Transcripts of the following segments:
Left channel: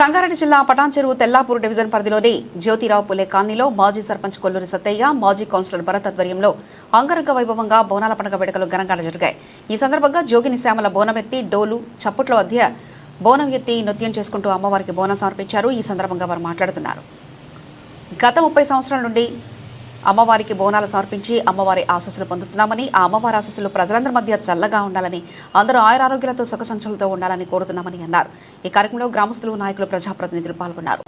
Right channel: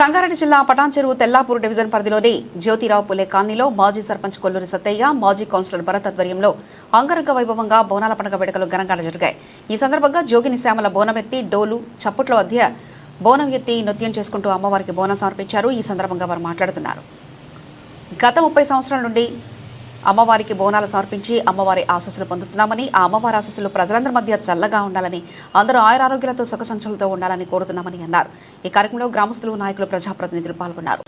సంగారెడ్డి జిల్లా పటాన్చెరువు తెల్లాపూర్ డివిజన్ పరిధిలోని జ్యోతిరావు పులే కాలనీలో మాజీ సర్పంచ్ కొల్లూరి సత్తయ్య, మాజీ కౌన్సిలర్ భరత్ ఆధ్వర్యంలో అంగరంగ వైభవంగా బోనాల పండుగ వేడుకలు ఘనంగా జరిగాయి. ఈ సందర్భంగా జోగిని శ్యామల బోనమెత్తి డోలు చప్పట్ల మధ్య బోనం ఎత్తి నృత్యం చేసుకుంటూ అమ్మవారికి బోనం సమర్పించారు. ఈ సందర్భంగా వారు మాట్లాడుతున్నారు. గత 30 సంవత్సరాల నుండి అమ్మవారికి బోనాలు సమర్పించి అమ్మవారి ఆశీస్సులు పొందుతున్నామని, ఆ అమ్మవారి ఆశీస్సులు ప్రజలందరి మధ్య చల్లగా ఉండాలని, అందరూ ఆయురారోగ్యాలతో సుఖ సంచలతో ఉండాలని కోరుతున్నామని అన్నారు. ఈ కార్యక్రమంలో గ్రామస్తులు, నాయకులు, ప్రజాప్రతినిధులు పాల్గొన్నారు.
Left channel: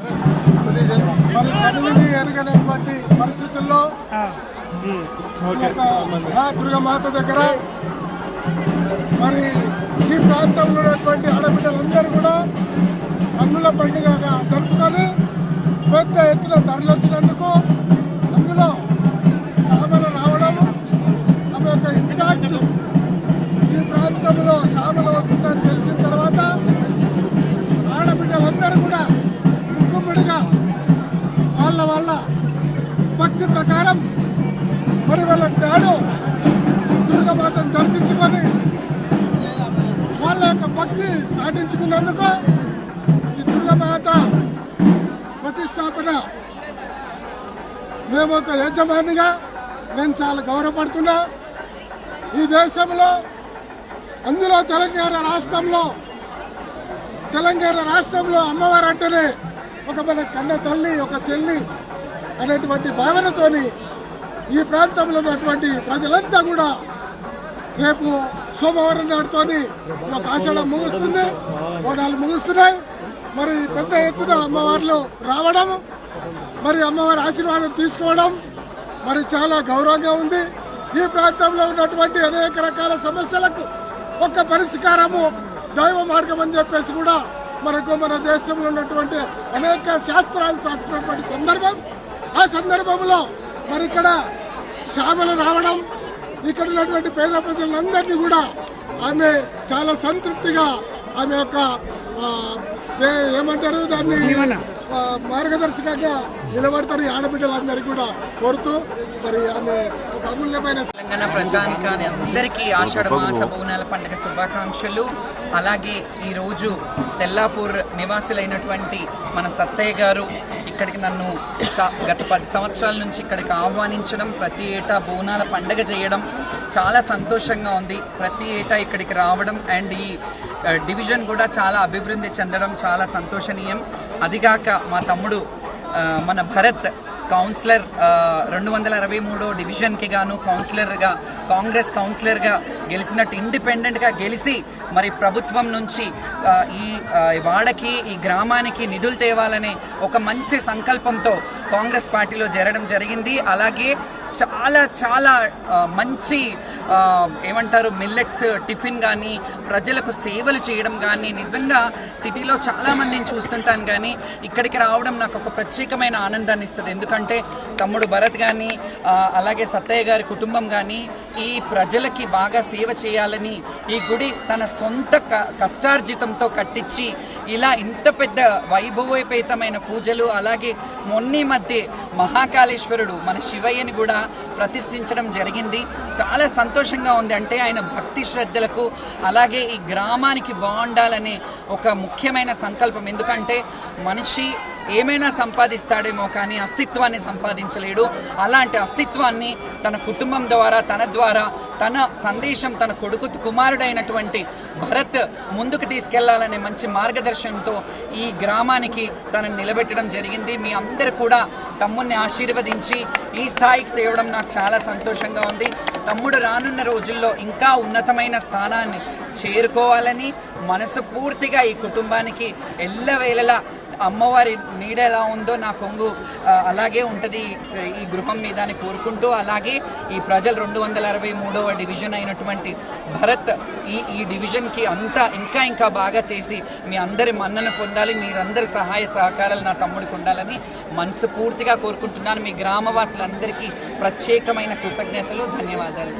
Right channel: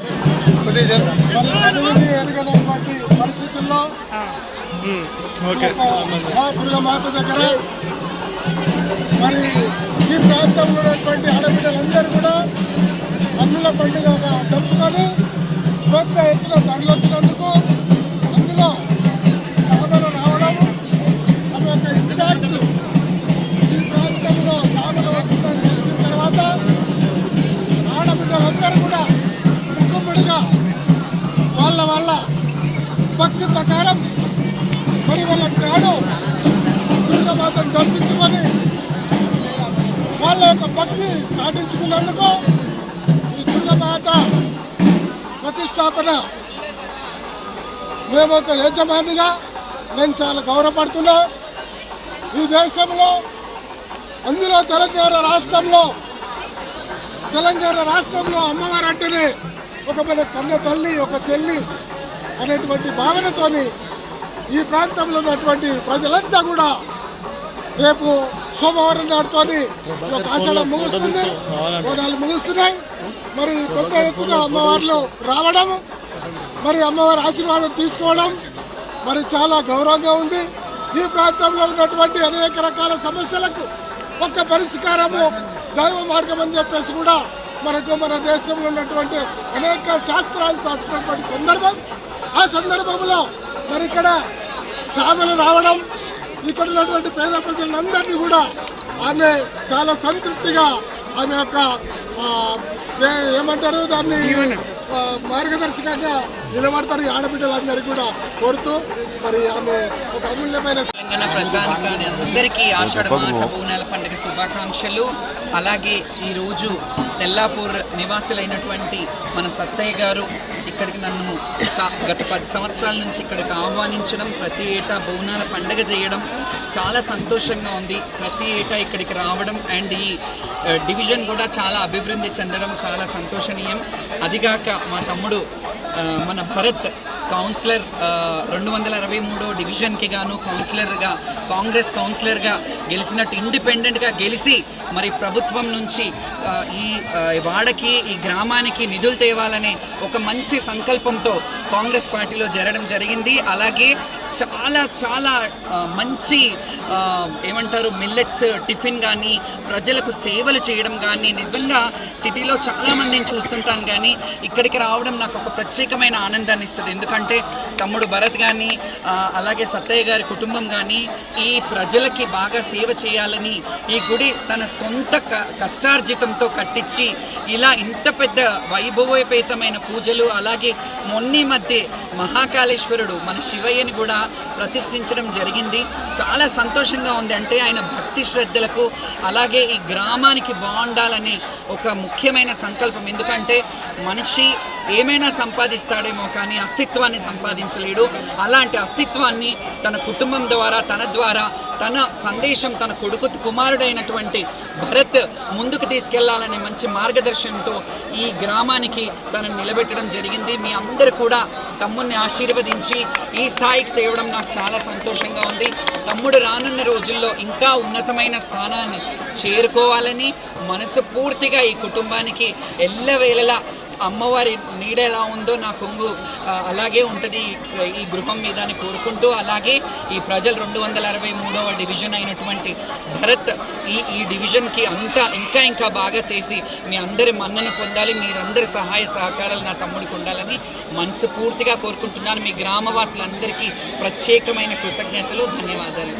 పెద్ద ఎత్తున తరలించినందుకు అందులో సామలు రావడం ఆమె యొక్క ఇంపాక్ట్ ఈ ప్రాంతంలో సామలు వస్తుందని తెలిసిన తర్వాత ఆడబిడ్డలందరూ కూడా ముక్కుముడిగా వాళ్ళ భక్తి ప్రకారం మరి వాళ్ళ నాడు దుర్గమాతను దర్శించుకొని వాళ్ళ యొక్క భక్తి సాధించుకునేందుకు ఈ దుర్గమాత ప్రతిష్టాపన మేము ఒక యజమానిగా నేను చాలా గౌరవపడుతున్నా. ఈ దేశంలో అందులో తెలంగాణ రాష్ట్రంలో అమ్మవారు అంటేనే ఒక మన కన్న తల్లి, ఒక చెల్లి అనేటువంటి భావనతోని ఈ ప్రాంతంలో ఉన్నటువంటి ప్రజలంతా కూడా రేపు సోమవారం నాడుతోని ఒక ఆషాఢం ముగుస్తుంది, బోనాలు ముగుస్తున్నాయి. మరి పెద్ద ఎత్తున అమ్మవార్లు రావడం, మరి అమ్మవారి ఆశీర్వాదం తీసుకోవడం మరి చాలా గౌరవంగా ఉంది. ఈ ప్రాంతంలో ఉన్నటువంటి అనేక రకాల సమస్యలకు ఒక్క పరిష్కారము దైవ మార్గం అని చెప్పేసి కూడా మనకు మన దేశంలో ఉన్నటువంటి అనేక శాస్త్రాలు సాధించినటువంటి సందర్భం. ఆ సందర్భంలో మరి ఇక్కడ సామలు రావడం, ఇక్కడ ఉన్నటువంటి పేద ప్రజలందరినీ కూడా ఆమె చాలా సంతృప్తిగా ఆమె యొక్క ఏమంటారు దాన్ని మార్గదర్శకంగా నిలబడతారు. ఆడబిడ్డలందరికీ కూడా కోరుతూ మరి ఆమె ఒక అమూల్యమైన తెలంగాణ ప్రజానికాన్ని అందరికీ ఆషాఢ మాస బోనాల పండుగ శుభాకాంక్షలు. అలాగే ఈరోజు తెల్లాపూర్ నివాసులైనటువంటి మన సత్తయ్య గారు ఇక్కడికి నన్ను గత 10 సంవత్సరాల నుంచి ఇక్కడికి ఆహ్వానించడం, ప్రతి ఏటా బోనాల పండుగ చేయడం చాలా సంతోషంగా ఉంది. ప్రతి ఏటా ఇక్కడికి రావడం అండ్ ఈ డివిజన్ కూడా చాలా అభివృద్ధి చెందడం చాలా సంతోషనీయం. అదిగాక మా తమ్ముడు మన భరత్ కౌన్సిలర్ 223వ డివిజన్కి గాను కాంగ్రెస్ కౌన్సిలర్గా గెలిచినట్టు ఇండిపెండెంట్గా గెలిచి మరి ప్రభుత్వం నుంచి ఈ వాడకి, ఈ గ్రామానికి నిధులు తేవాలనే ఒక మంచి సంకల్పంతో కాంగ్రెస్ పార్టీలో చేరడం జరిగింది. అలాగే చాలా మంచి ఏమంటారు మిల్లెట్స్ టిఫిన్ కానీ, ప్రజలకు సేవలు చేయడం కానీ, నిజంగా సిటీలో చాలామందిని చూస్తుంటాను కానీ ఇక్కడికి రావడం నాకు ఒక ప్రత్యేకమైన ఆనందాన్ని ఇస్తుంది. ఎందుకంటే తమ్ముడు భరత్ కానీ అలాగే సత్తయ్య గారి కుటుంబం కానీ ఈ ప్రజలకి బాగా సేవ చేయాలని ఈ గుడి తన సొంత కష్టార్జితంతో కట్టించి ఇలా ఇంత పెద్ద వైభవోపేతమైన పూజలు, అలాగే మొన్నీ మధ్య మహాకాళేశ్వరుడు మన శివయ్యని కూడా ప్రతిష్ఠించడం జరిగింది. చాలా సంతోషంగా ఉంది. అంటే ఆయన భక్తి శ్రద్ధలకు అలాగే ఈ గ్రామానికి బాగుండాలనే ఒక ముఖ్యమైన సంకల్పం. ఎందుకంటే మనిషి ఏమైనా సంపాదిస్తాడేమో కానీ అస్తిత్వాన్ని సంపాదించలేడు. అలాంటి అస్తిత్వాన్ని తన కుటుంబం ద్వారా, తన సందేశం తన కుమారుడైనటువంటి భరత్ ముందుకు తీసుకెళ్లాలనే మంచి మార్గదర్శనంతో ఈ గ్రామానికి తనను నిలబెట్టడం జరిగింది. మీ అందరూ కూడా తమ్ముడిని ఆశీర్వదించి ఈ స్థాయికి తేవడం నాకు చాలా సంతోషంగా ఉంది. తమ్ముడు రానున్న రోజుల్లో ఇంకా ఉన్నతమైన స్థానాన్ని చేరుకోవాలని మనస్ఫూర్తిగా ఈ కుటుంబానికి ఎల్లవేళలా అమ్మవారి నీడ ఎలా ఉందో నా కొంగు అలాగే ఉంటుంది ఈ గృహం మీద అని కోరుకుంటూ, అలాగే ఈ ప్రజలు 263వ డివిజన్ అయినటువంటి భరత్ ఈ డివిజన్కి ఇంకా బాగా చేసి మీ అందరి మన్నను పొందాలి. మీరందరి సహాయ సహకారాలు నా తమ్ముడికి ఉండాలని మనస్ఫూర్తిగా కోరుకుంటున్నాను. మీ గ్రామవాసులందరికీ ప్రత్యేకమైన కృతజ్ఞతలు, ధన్యవాదాలు.